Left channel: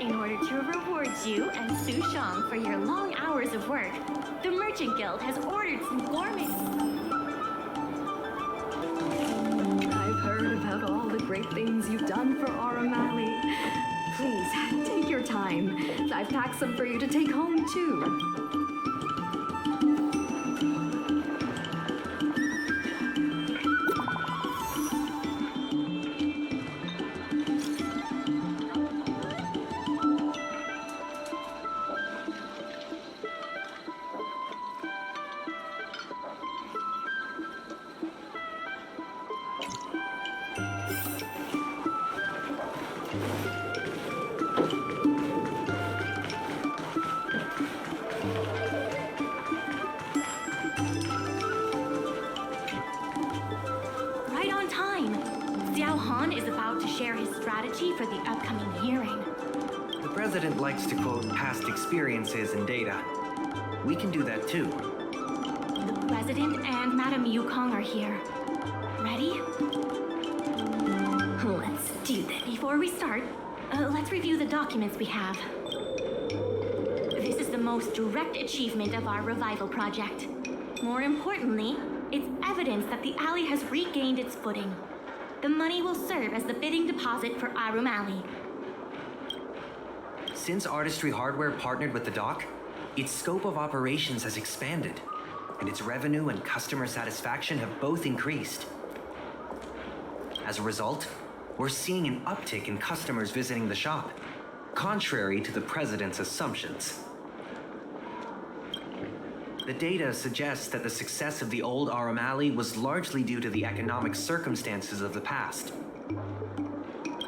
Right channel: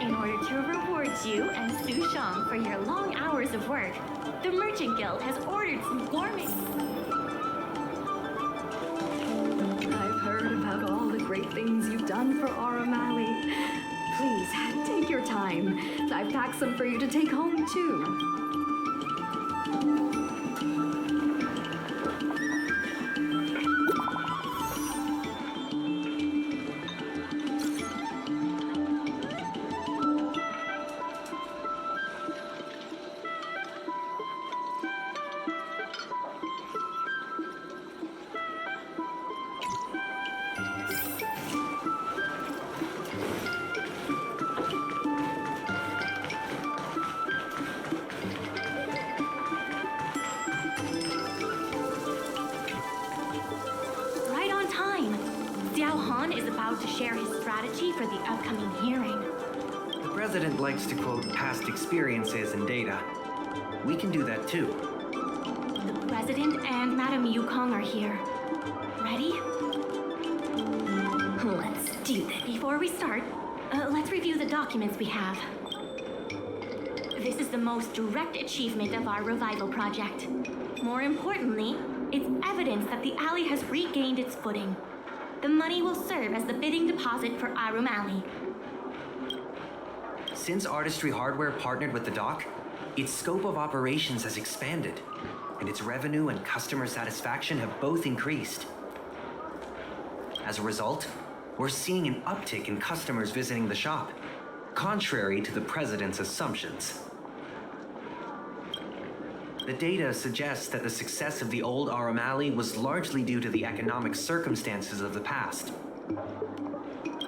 In order to reward you and Su Shang for your long hours of work, the Merchant Guild has ordered some gourmet... I've heard about all the great things you've done for Aurum. please, take your time. I've packed some for you to take home, too. Right on time. Xiao is about to share his strategy for the upcoming hearing. The president likes to quote past experiences and data. We can do that too. The president and Madame Yukong are here. Ready? Let's do this. Before we start, let's review the documents we have. This is the most direct achievement of our revival project. More importantly, it's evidence that the alley has regained its footing. The money will serve as the bidding deposit for Aurum Alley. Since Artistry Hardware partnered with the dock, its scope of operations has expanded, and its revenue and customer satisfaction have both increased. As a result, we're seeing an uptick in customers visiting the shop, contrary to the president's assumptions. The data suggests that the success of the old Aurum Alley was largely due to the economic circumstances of the past.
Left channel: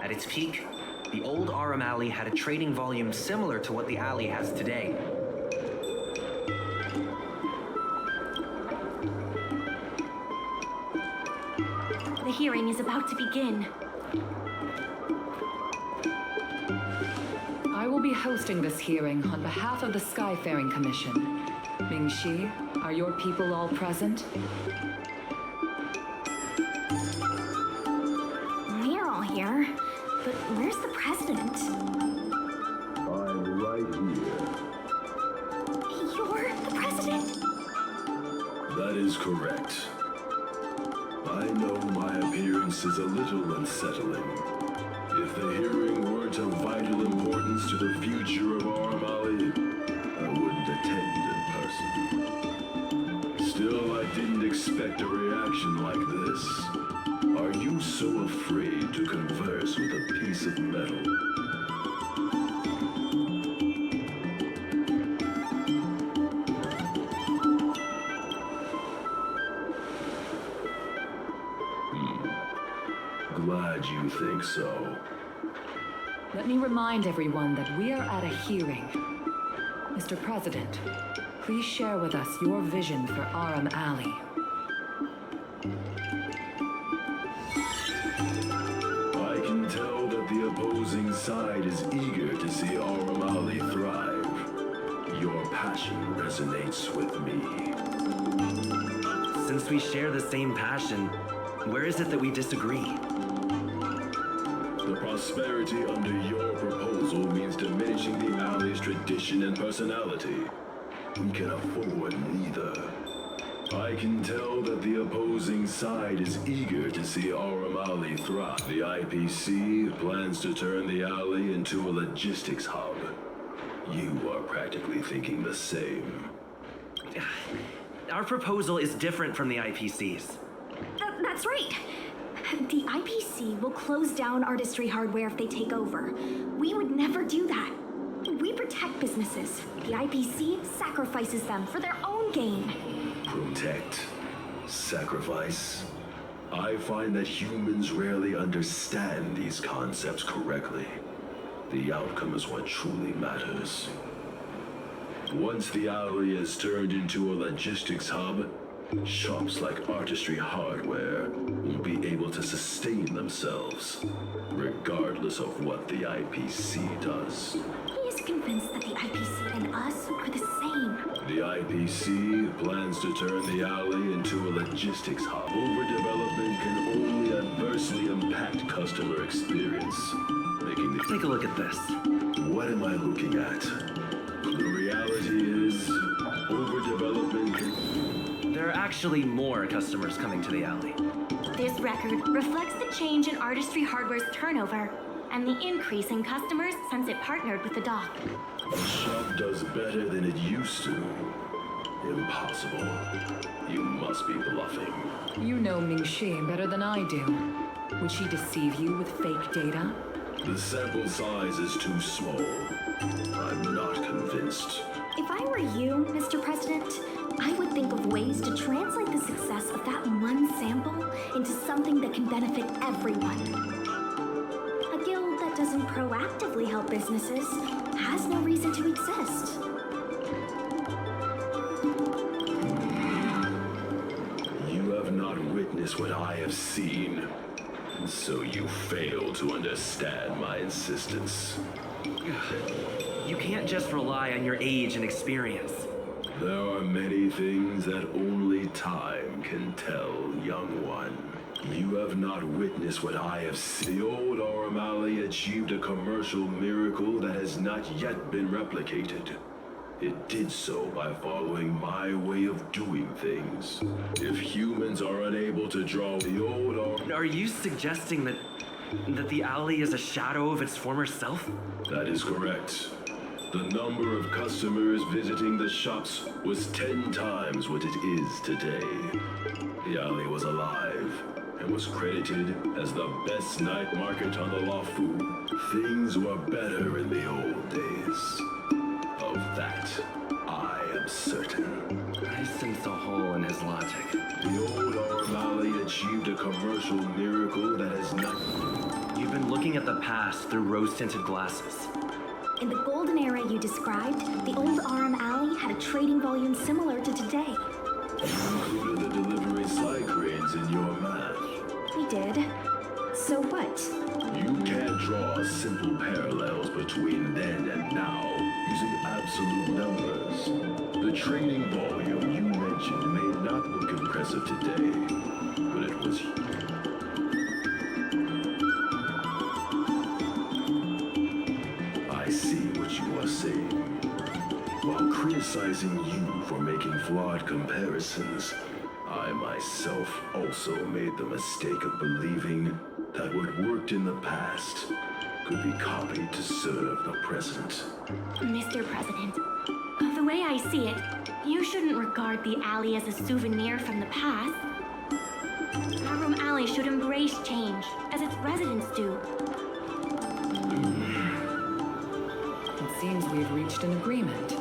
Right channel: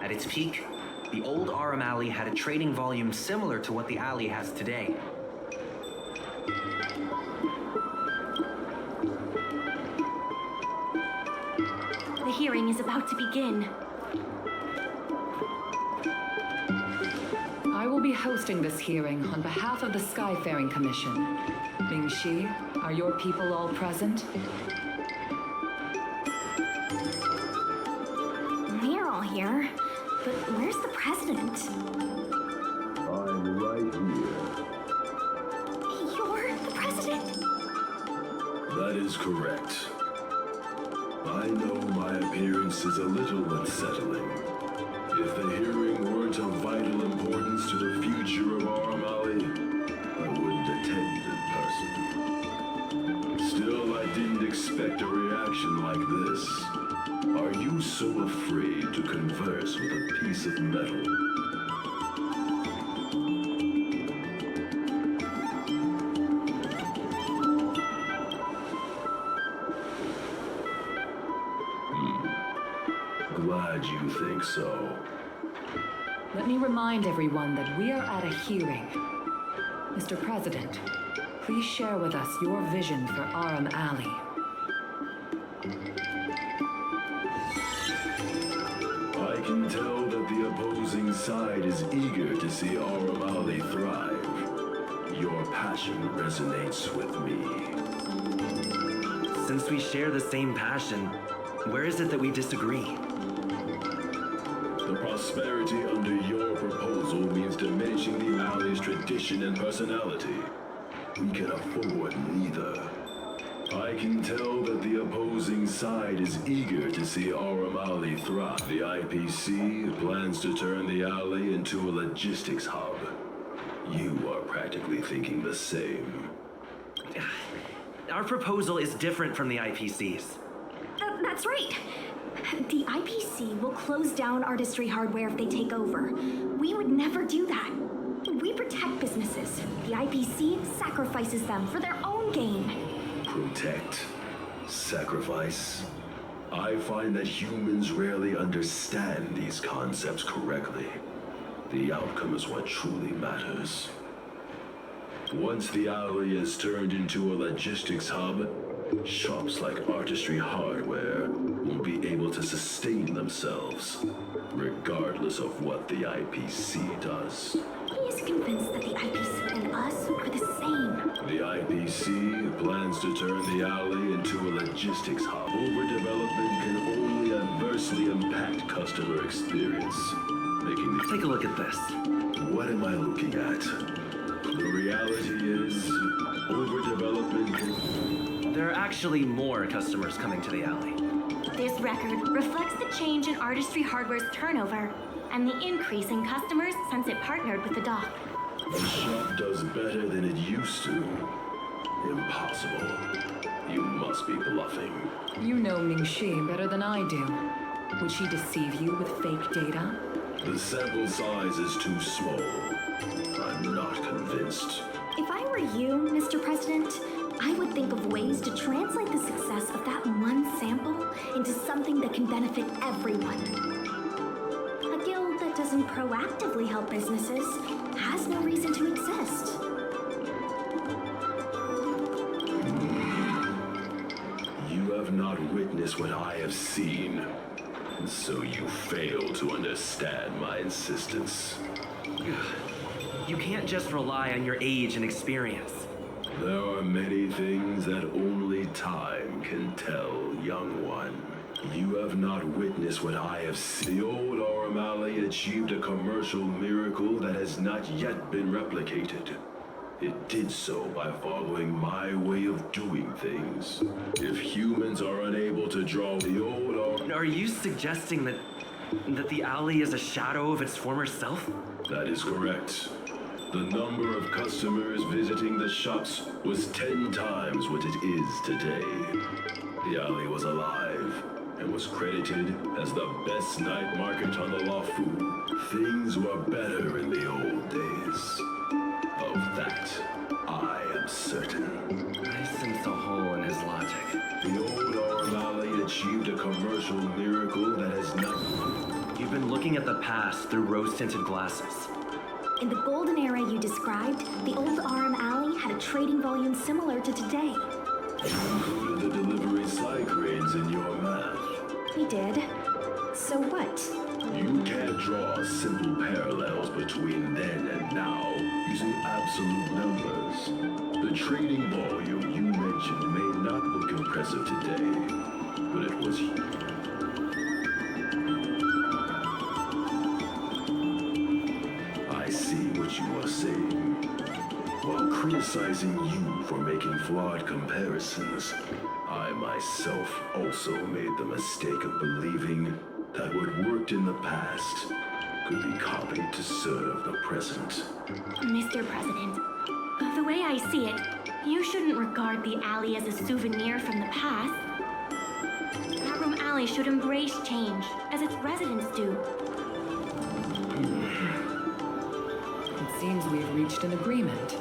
At its peak, the old Aurum Alley had a trading volume similar to what the alley has today. The hearing is about to begin. I will be hosting this hearing on behalf of the Skyfaring Commission. Ming-Shi, are your people all present? We're all here, but where's the president? I'm right here. You're the president? That is correct. I know my appearance is a little unsettling. If the hearing weren't of vital importance to the future of Aurum Alley, I wouldn't attend in person. Still, I didn't expect a reaction like this. Are you so afraid to converse with a piece of metal? Glad you think so. Let me remind everyone that we are at a hearing. Mr. President, please share with us your vision for Aurum Alley. I can tell that the opposing side is eager to see Aurum Alley thrive. Your passion resonates with me. Since we share the same passion, where is it that we disagree? The prosperity under your proposal means diminishing the alley's tradition and personality. We can afford neither. I can tell that the opposing side is eager to see Aurum Alley thrive. The IPC plans to turn the alley into a logistics hub. You are practically thinking the same. Our proposal is different from the IPC's. That's right. The IPC will close down Artistry Hardware if they take over. We would never do that. We protect businesses. The IPC sacrifices them for their own gain. Protect? Sacrifice? I find that humans rarely understand these concepts correctly. The outcome is what truly matters. Once the alley is turned into a logistics hub, shops like Artistry Hardware will be able to sustain themselves, regardless of what the IPC does. He is convinced that the IPC and us are the same. The IPC plans to turn the alley into a logistics hub. Overdevelopment can only adversely impact customer experience, making the... Take a look at this. What am I looking at? The reality is, overdevelopment can... There are actually more customers coming to the alley. This record reflects the change in Artistry Hardware's turnover and the increase in customers since it partnered with the dock. The shop does better than it used to. Impossible. You must be bluffing. You know Ming-Shi better than I do. Would she deceive you with fake data? The sample size is too small. I'm not convinced. If I were you, Mr. President, I would think of ways to translate the success of that one sample into something that can benefit everyone. A guild that doesn't proactively help businesses has no reason to exist. You have not witnessed what I have seen, so you fail to understand my insistence. You can't just rely on your age and experience. There are many things that only time can tell, young one. You have not witnessed what I have seen. The old Aurum Alley achieved a commercial miracle that has not yet been replicated. It did so by following my way of doing things. If humans are unable to draw the old Aurum... Are you suggesting that the alley is a shadow of its former self? That is correct. The number of customers visiting the shops was 10 times what it is today. The alley was alive and was credited as the best night market on the Lafu. Things were better in the old days. Of that, I am certain. I sense a hole in his logic. The old Aurum Alley achieved a commercial miracle that has not... You've been looking at the past through rose-tinted glasses. In the golden era you described, the old Aurum Alley had a trading volume similar to today. You included the delivery cycranes in your math. We did. So what? You can't draw simple parallels between then and now using absolute numbers. The trading volume you mentioned may not look impressive today, but it was... I see what you are saying. While criticizing you for making flawed comparisons, I myself also made the mistake of believing that what worked in the past could be copied to serve the present. Mr. President, the way I see it, you shouldn't regard the alley as a souvenir from the past. Aurum Alley should embrace change, as its residents do. It seems we've reached an agreement.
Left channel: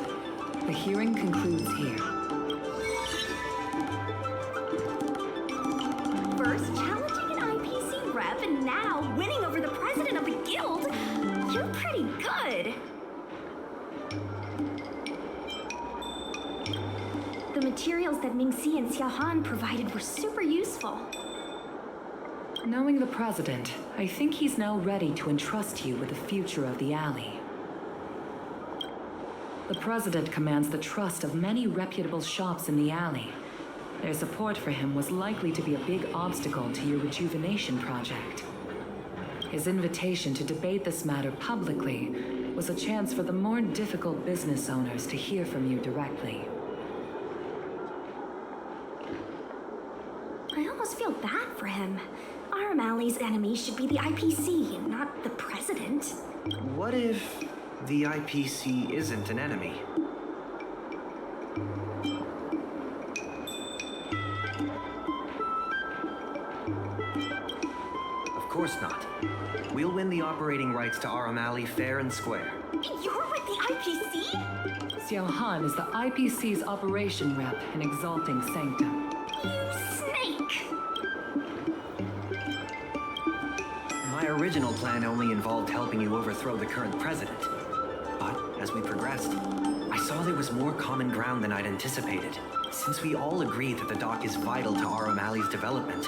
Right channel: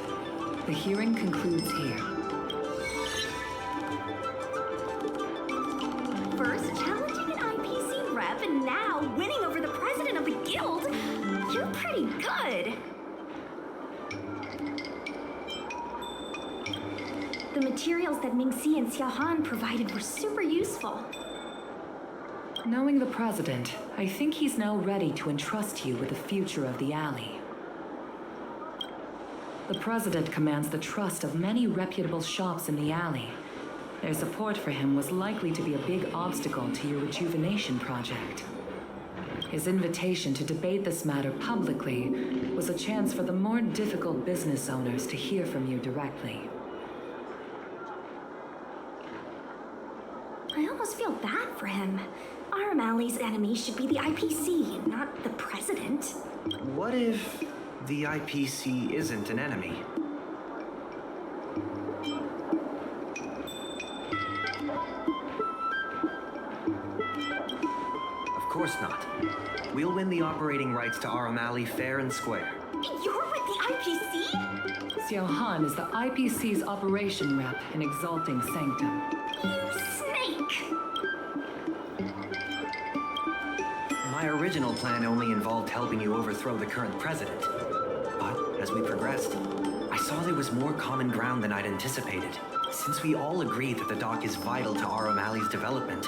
The hearing concludes here. First challenging an IPC rep and now winning over the president of the guild. You're pretty good. The materials that Ming-Si and Xiaohan provided were super useful. Knowing the president, I think he's now ready to entrust you with the future of the alley. The president commands the trust of many reputable shops in the alley. Their support for him was likely to be a big obstacle to your rejuvenation project. His invitation to debate this matter publicly was a chance for the more difficult business owners to hear from you directly. I almost feel bad for him. Aurum Alley's enemy should be the IPC, not the president. What if the IPC isn't an enemy? Of course not. We'll win the operating rights to Aurum Alley fair and square. You're with the IPC? Xiaohan is the IPC's operation rep in Exalting Sanctum. You snake! My original plan only involved helping you overthrow the current president. But as we progressed, I saw there was more common ground than I'd anticipated. Since we all agree that the dock is vital to Aurum Alley's development,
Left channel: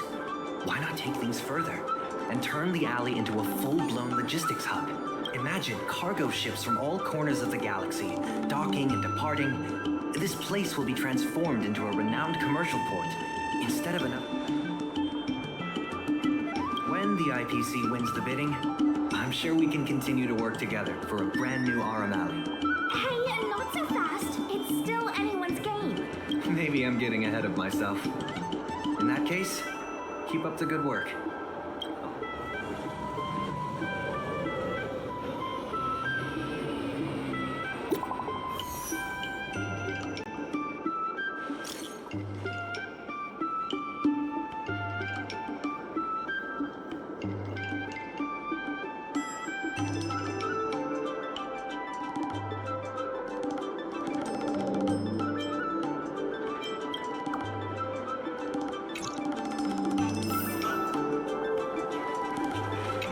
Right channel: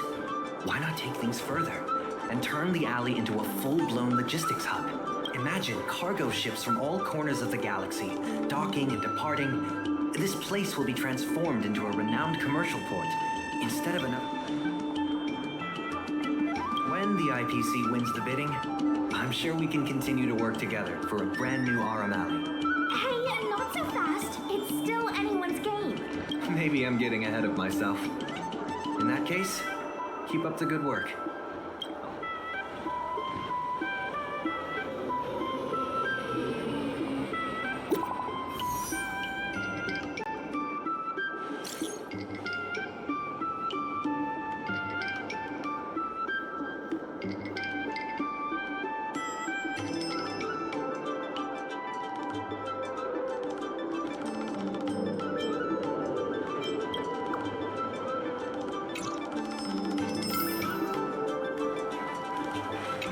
why not take things further and turn the alley into a full-blown logistics hub? Imagine cargo ships from all corners of the galaxy, docking and departing. This place will be transformed into a renowned commercial port, instead of another... When the IPC wins the bidding, I'm sure we can continue to work together for a brand new Aurum Alley. Hey, not so fast. It's still anyone's game. Maybe I'm getting ahead of myself. In that case, keep up the good work.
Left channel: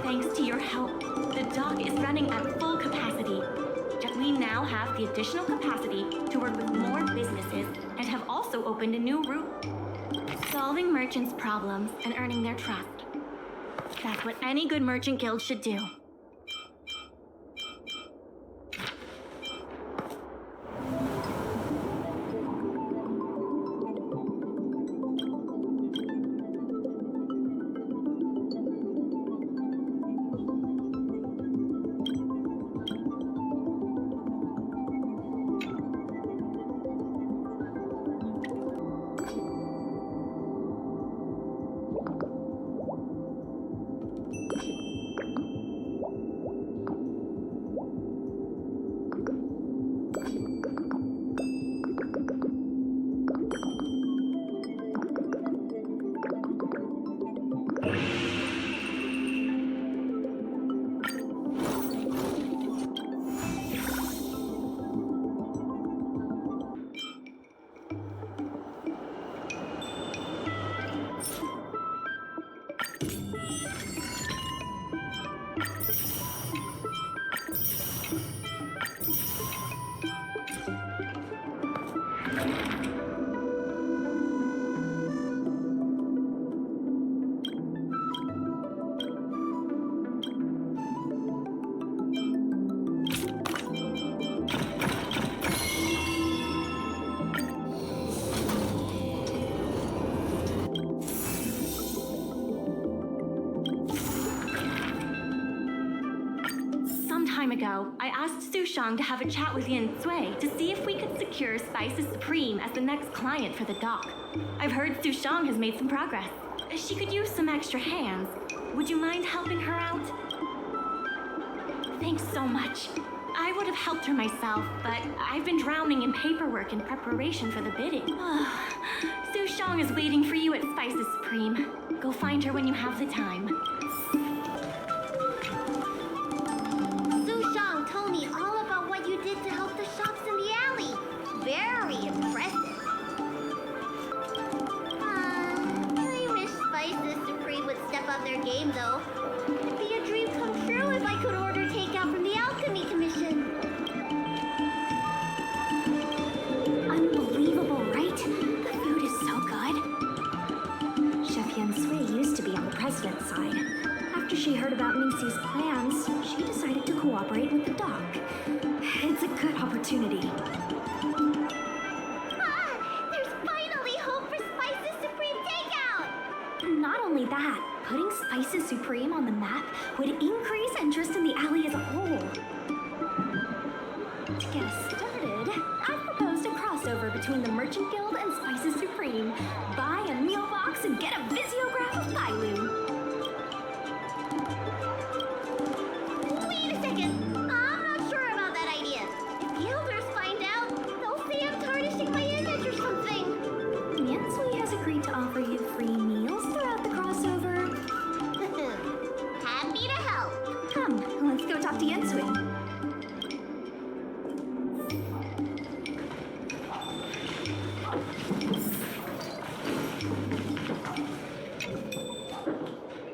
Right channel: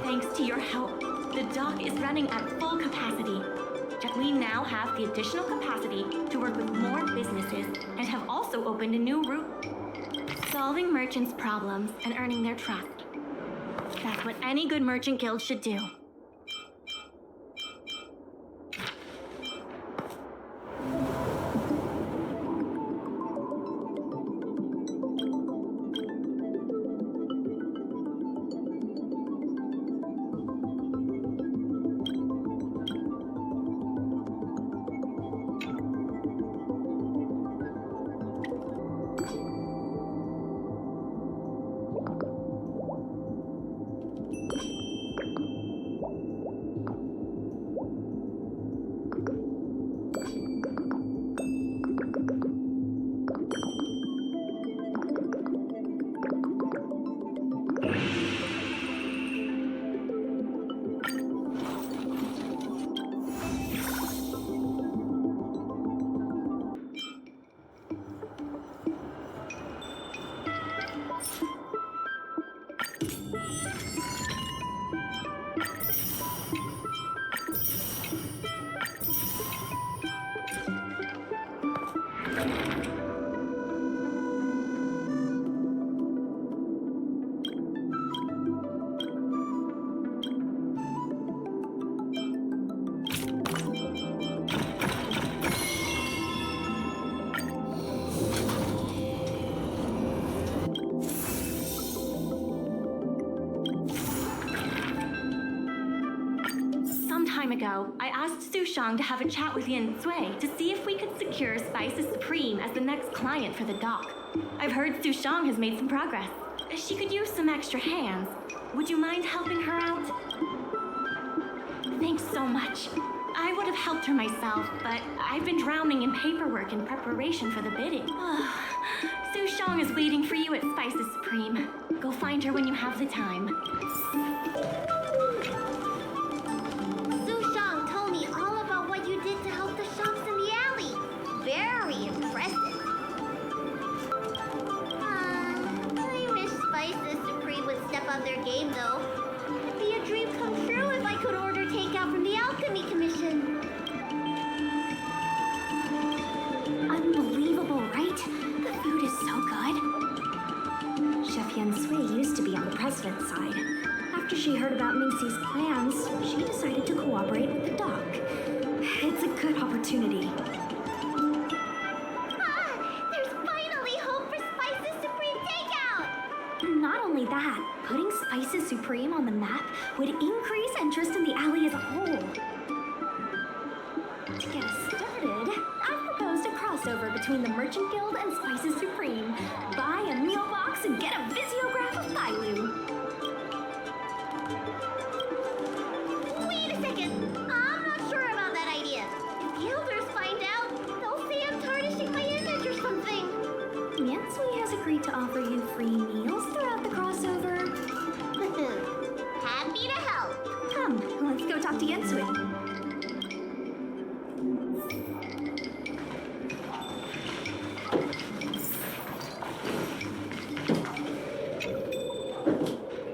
Thanks to your help, the dock is running at full capacity. Yet we now have the additional capacity to work with more businesses and have also opened a new route. Solving merchants' problems and earning their trust. That's what any good merchant guild should do. Some time ago, I asked Sushang to have a chat with Yin Sui to see if we could secure Spices Supreme as the next client for the dock. I've heard Sushang has made some progress. She could use some extra hands. Would you mind helping her out? Thanks so much. I would have helped her myself, but I've been drowning in paperwork in preparation for the bidding. Sushang is waiting for you at Spices Supreme. Go find her when you have the time. Told me all about what you did to help the shops in the alley. Very impressive. I wish Spices Supreme would step up their game, though. It'd be a dream come true if I could order takeout from the Alchemy Commission. Unbelievable, right? The food is so good. Chef Yen Sui used to be on the president's side. After she heard about Ningxi's plans, she decided to cooperate with the dock. It's a good opportunity. There's finally hope for Spices Supreme takeout! Not only that, putting Spices Supreme on the map would increase interest in the alley as a whole. To get us started, I've proposed a crossover between the Merchant Guild and Spices Supreme. Buy a meal box and get a visiograph of Bailu. I'm not sure about that idea. If the elders find out, they'll say I'm tarnishing my image or something. Yen Sui has agreed to offer you free meals throughout the crossover. Happy to help. Come, let's go talk to Yen Sui.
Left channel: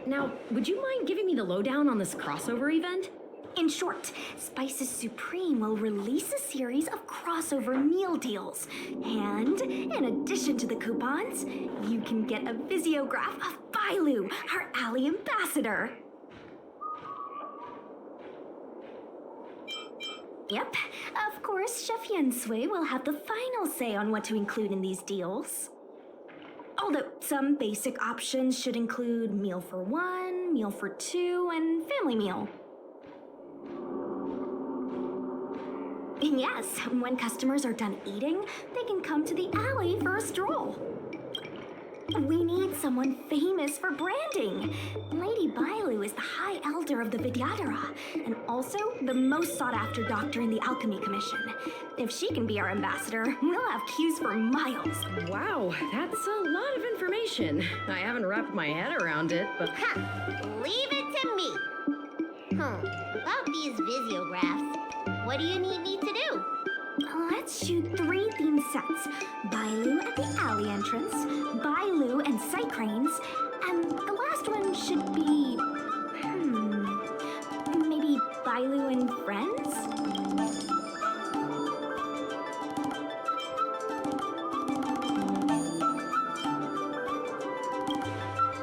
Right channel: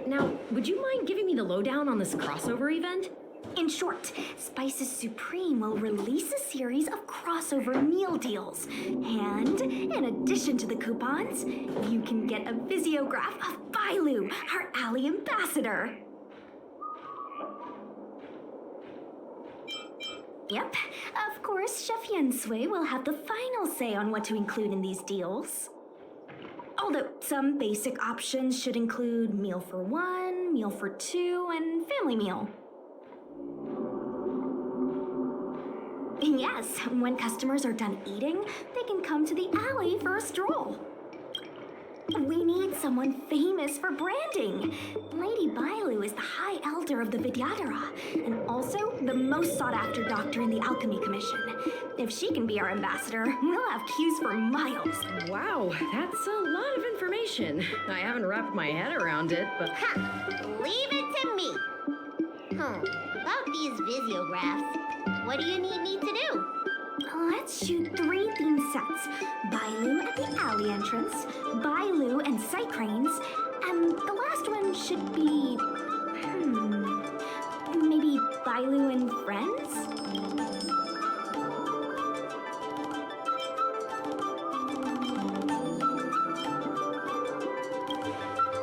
Now, would you mind giving me the lowdown on this crossover event? In short, Spices Supreme will release a series of crossover meal deals. And in addition to the coupons, you can get a visiograph of Bailu, our alley ambassador. Yep, of course, Chef Yen Sui will have the final say on what to include in these deals. Although some basic options should include meal for one, meal for two, and family meal. Yes, when customers are done eating, they can come to the alley for a stroll. We need someone famous for branding. Lady Bailu is the High Elder of the Vidyadhara, and also the most sought-after doctor in the Alchemy Commission. If she can be our ambassador, we'll have queues for miles. Wow, that's a lot of information. I haven't wrapped my head around it, but... Leave it to me. About these visiographs, what do you need me to do? Let's shoot 3 theme sets. Bailu at the alley entrance, Bailu and sight cranes, and the last one should be... Bailu and friends?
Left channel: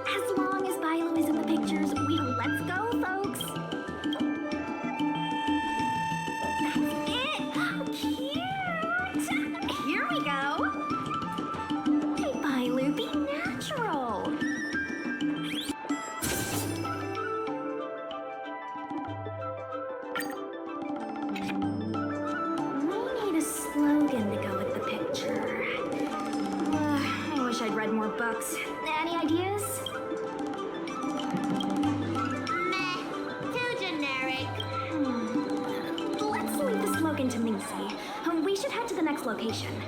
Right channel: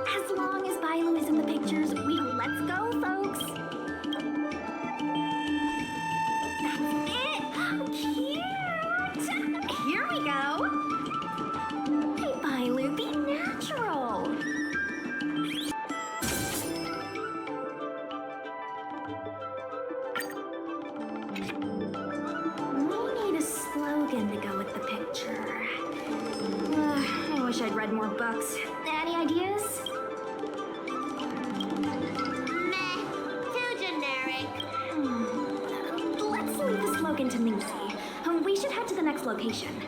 As long as Bailu is in the pictures, let's go, folks. That's it. Cute. Here we go. Hey, Bailu, be natural. We need a slogan to go with the picture. I wish I'd read more books. Any ideas? Meh. Too generic. Let's leave the slogan to Mingxi. We should head to the next location.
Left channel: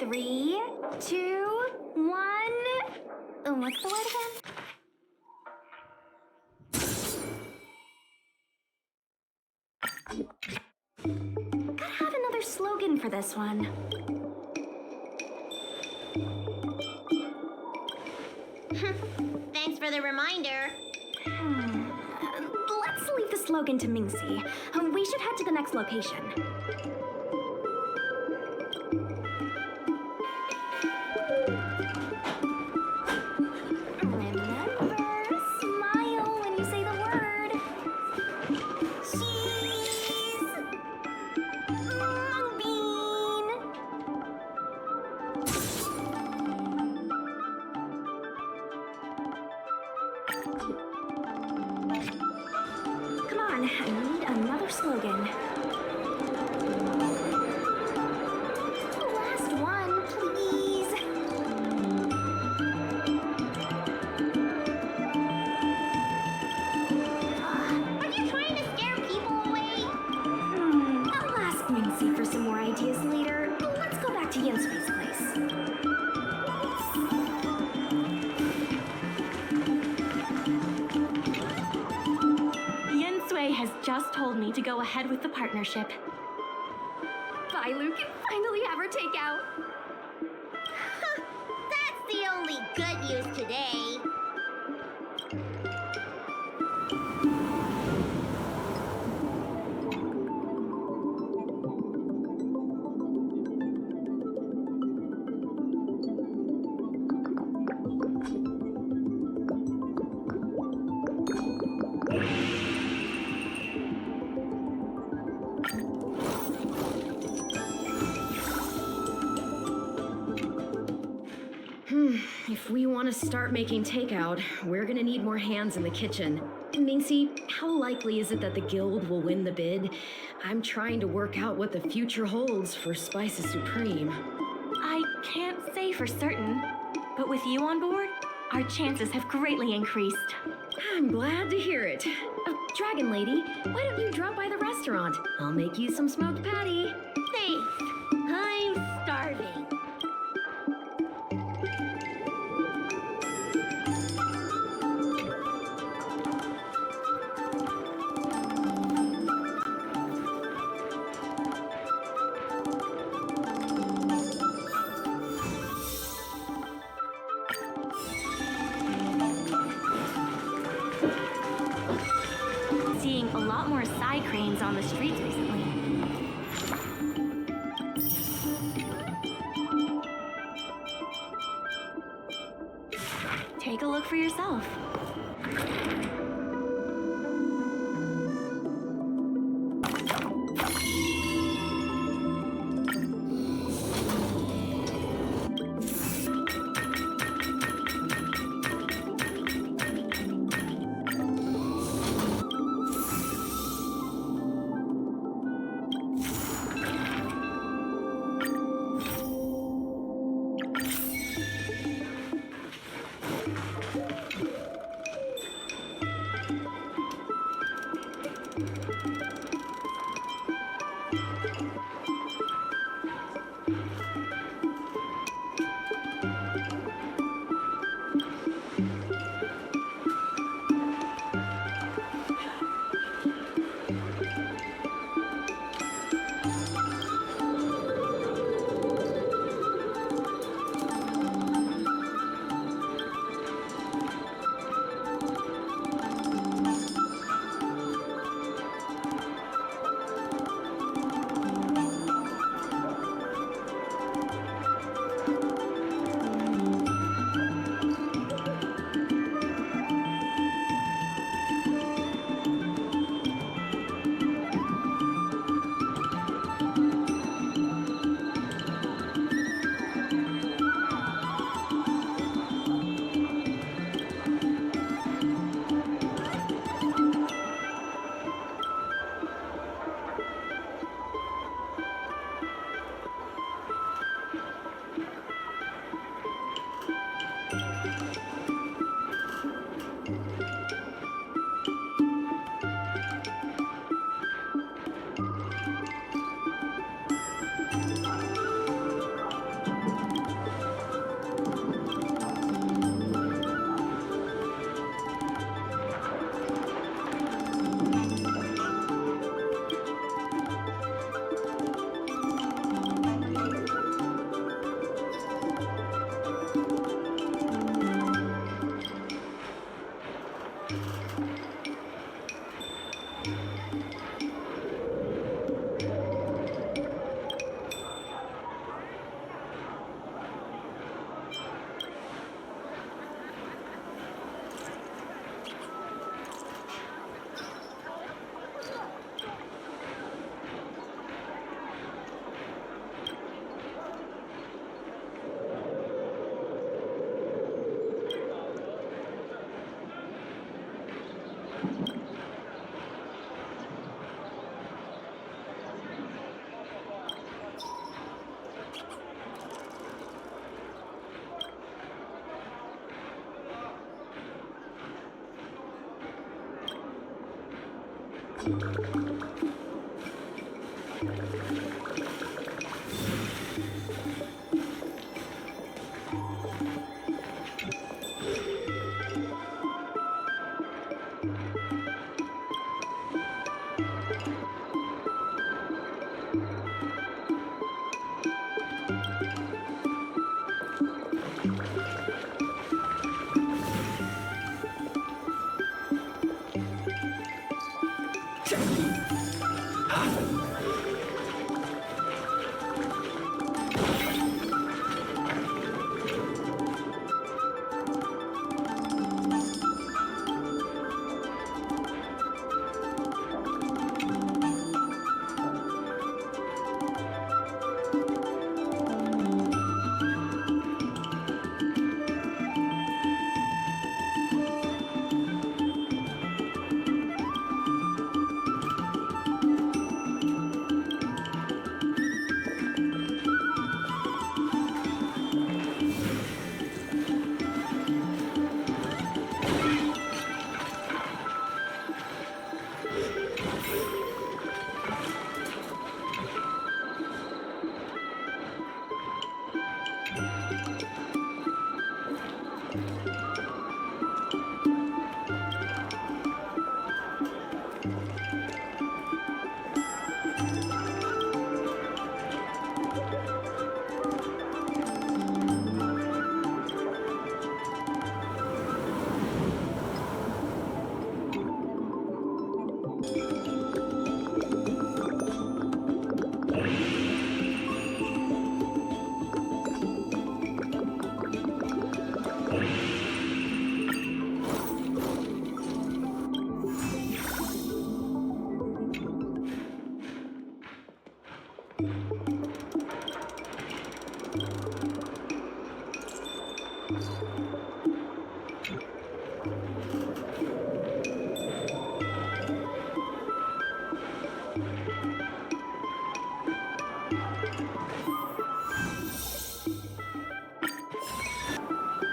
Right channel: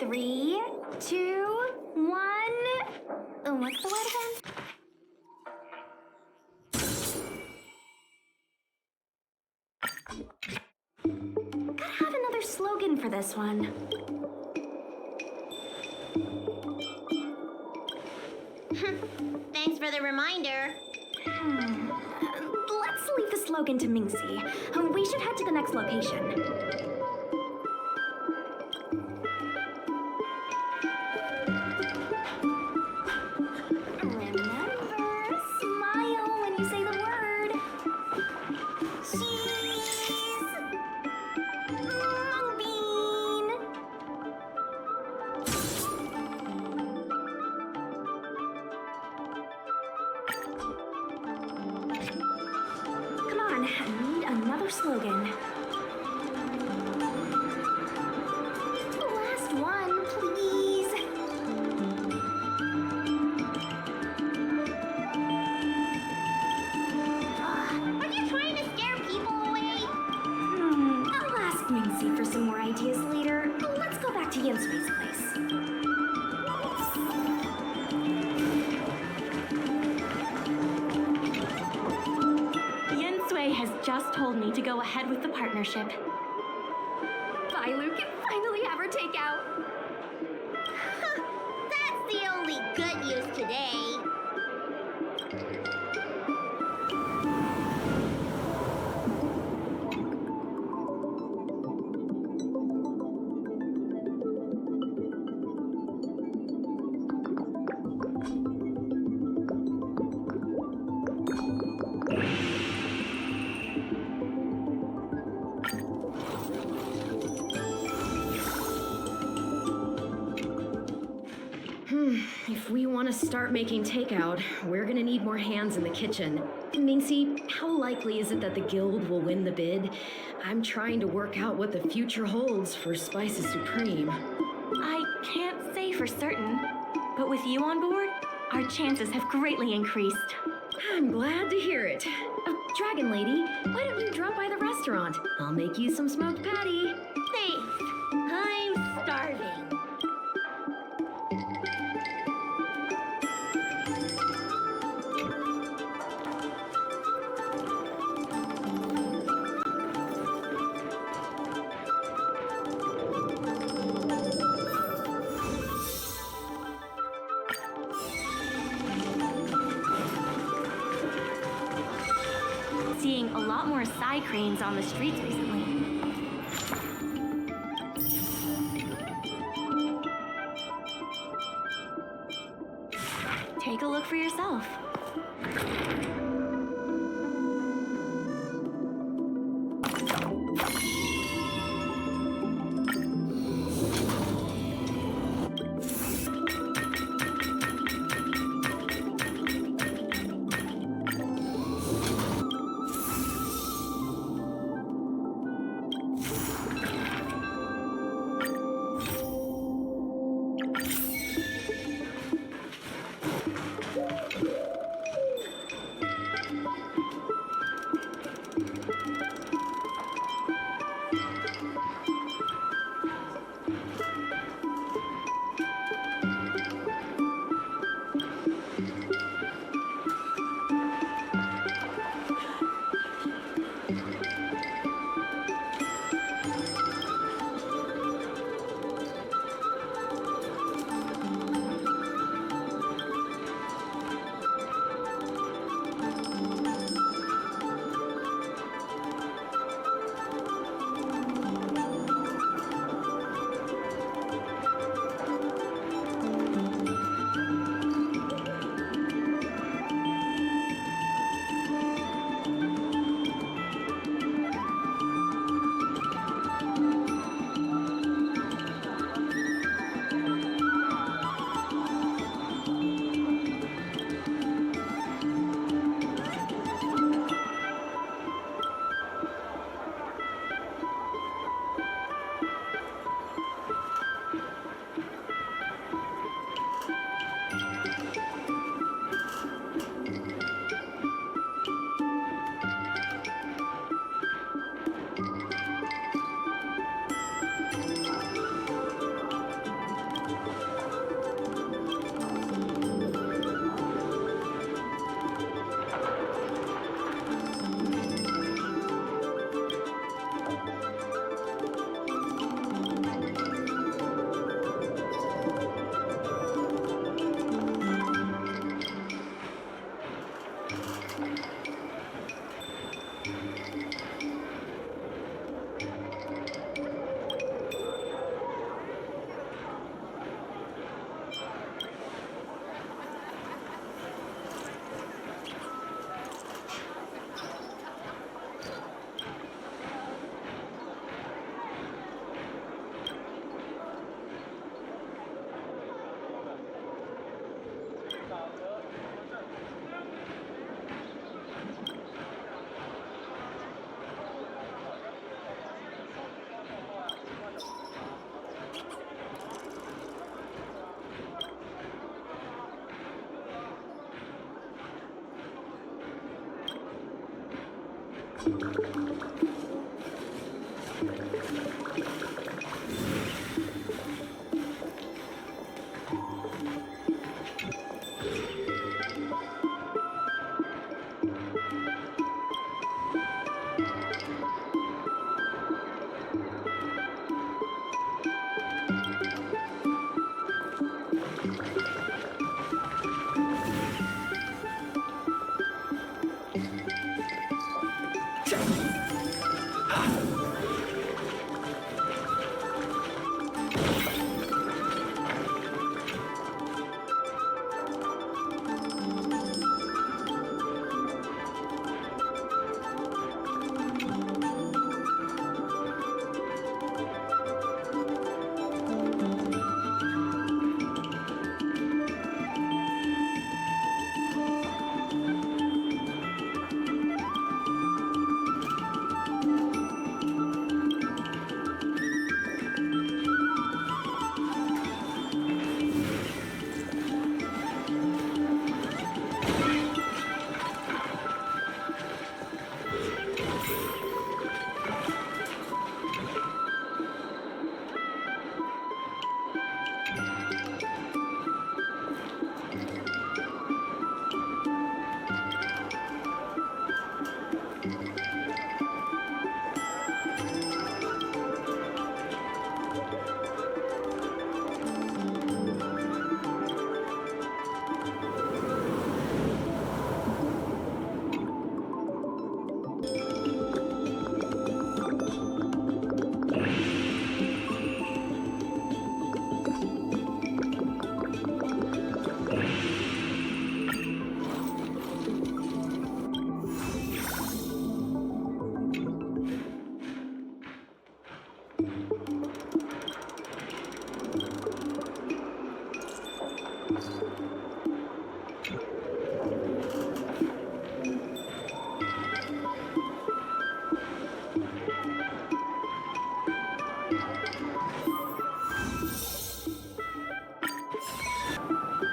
Three, two, one. What's the word again? Gotta have another slogan for this one. Thanks for the reminder. Let's leave the slogan to Mingxi. We should head to the next location. Remember, smile when you say the word. Cheese! Mung bean! Come on, I need another slogan. Last one, please. Are you trying to scare people away? I'll ask Mingxi for some more ideas later. Let's go back to Yensui's place. Yensui has just told me to go ahead with the partnership. Bailu can finally have her takeout. That's the only good news today. If we want to start making takeout, we're gonna need more hands in the kitchen. Mingxi, how likely is it that the guild will win the bid? I'm trying to work out what the future holds for Spices Supreme. I can't say for certain, but with you on board, our chances have greatly increased. I'm glad to hear it. Dragon Lady, why don't you drop by the restaurant? I'll make you some smoked patty. Thanks. I'm starving. Seeing a lot more side cranes on the streets recently. Take a look for yourself.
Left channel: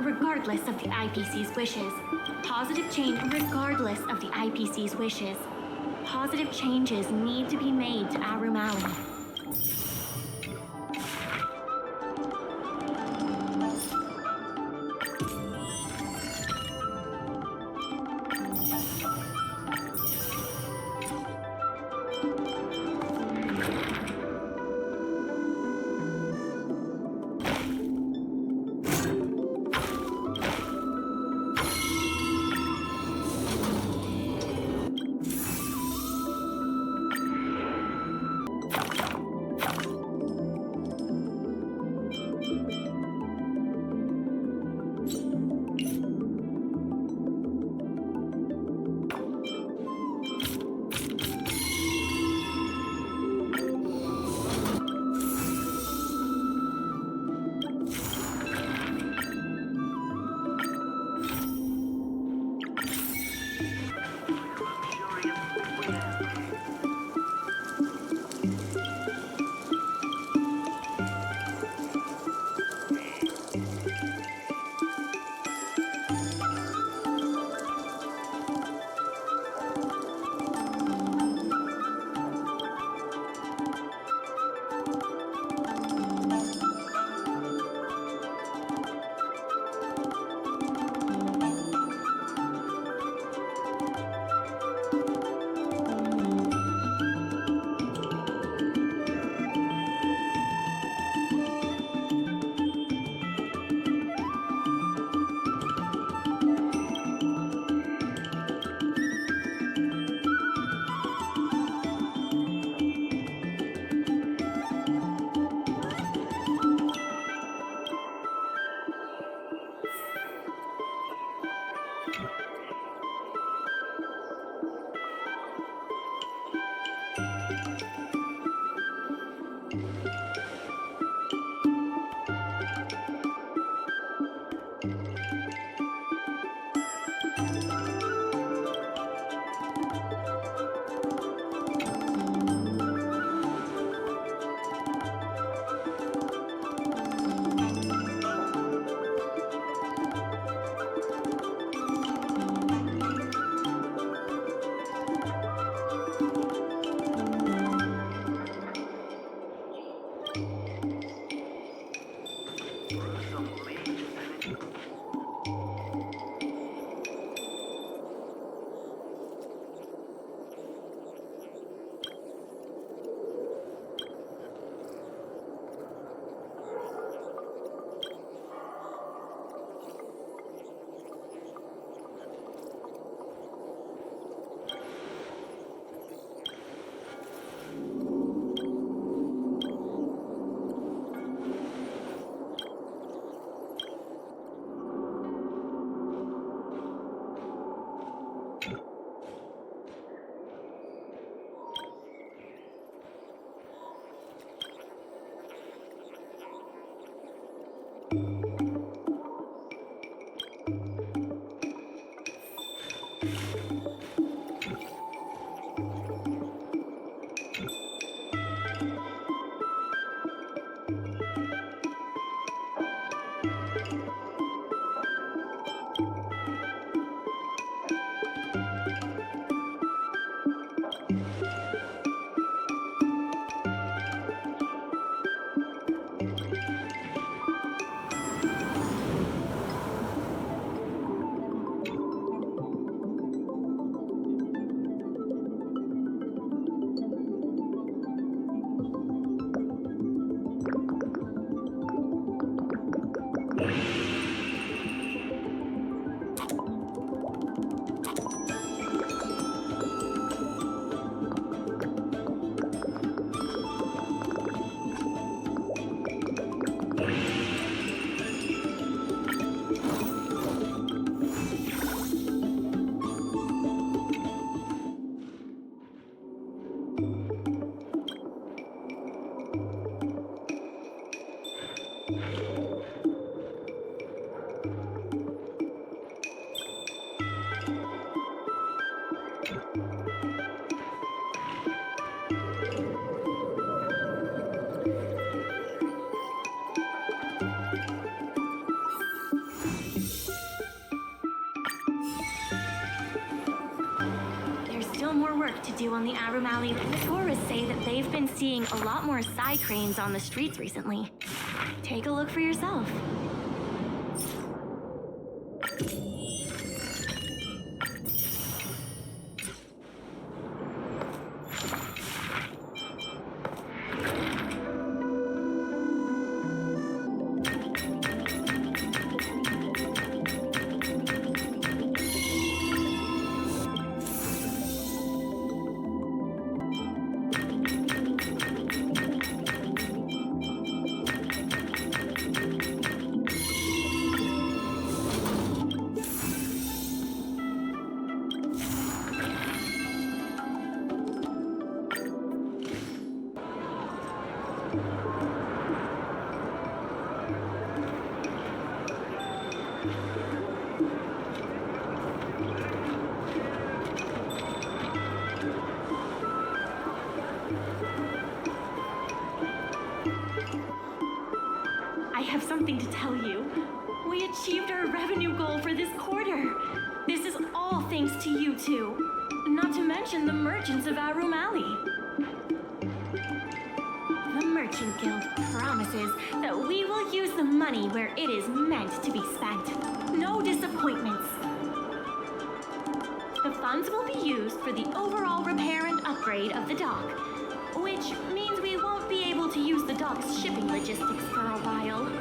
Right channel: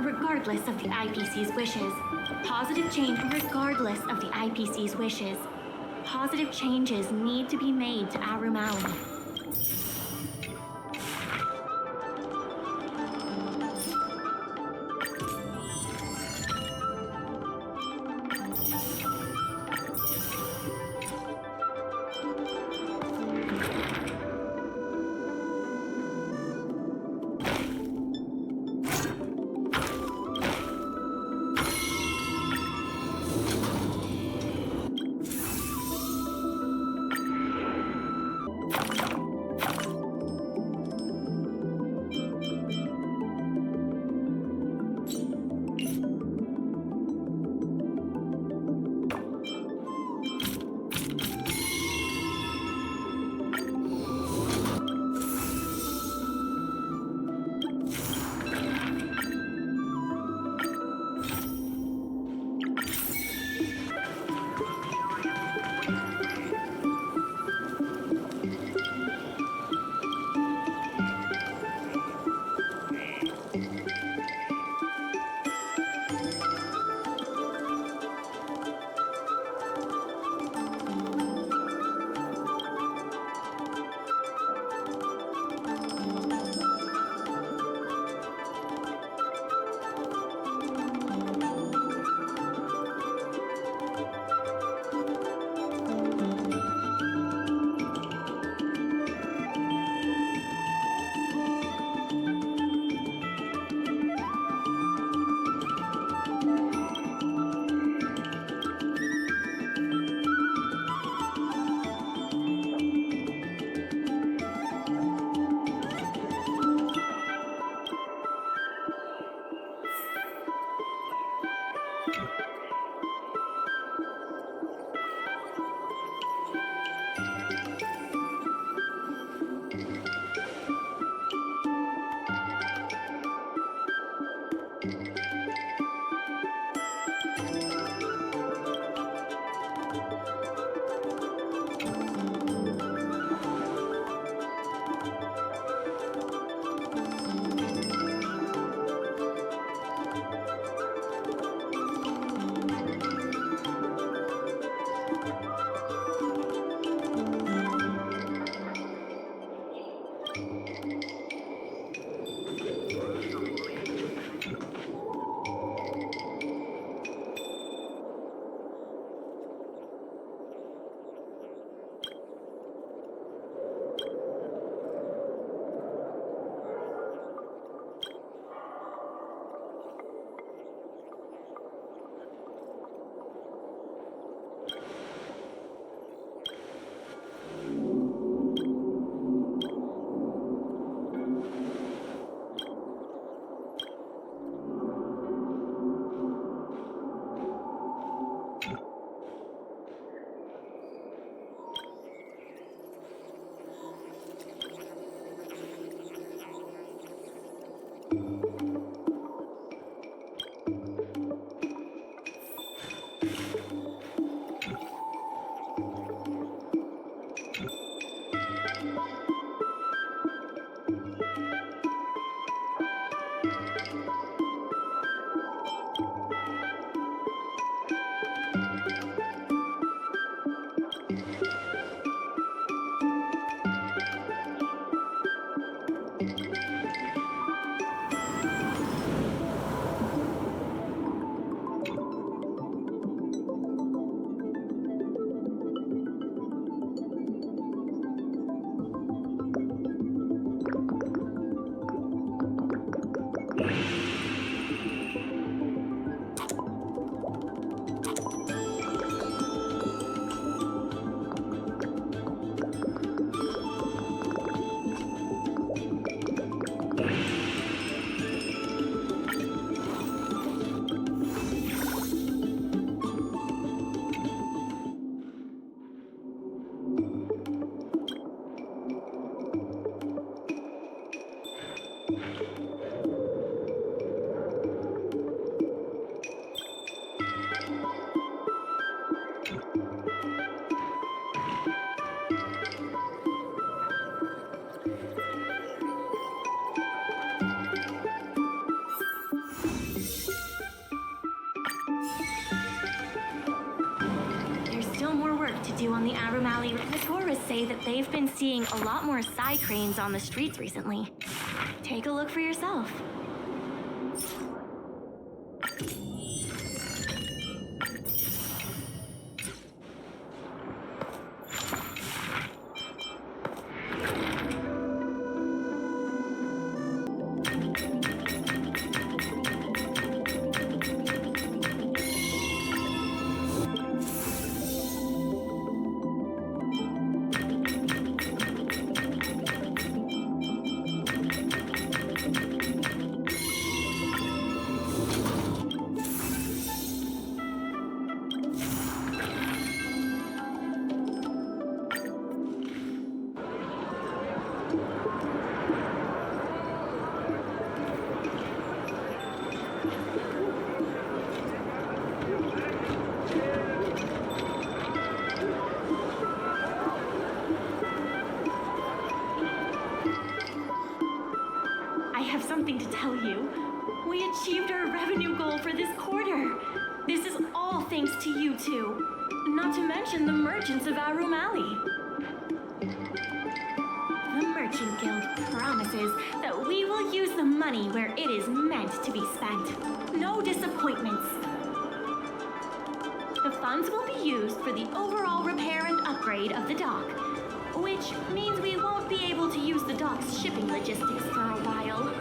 Regardless of the IPC's wishes, regardless of the IPC's wishes, positive changes need to be made to Aurumaton. There's still more work to do on the Aurum Alley. The tourists say that they've been seeing a lot more side cranes on the streets recently. Take a look for yourself. I have something to tell you. We achieved our revenue goal for this quarter. This is all thanks to you two. Not to mention the merchants of Aurum Alley. The Merchant Guild promises that we will use the money where it is meant to be spent. No disappointments. The funds will be used for the overall repair and upgrade of the dock, which means we won't be able to use the dock's shipping logistics for a while.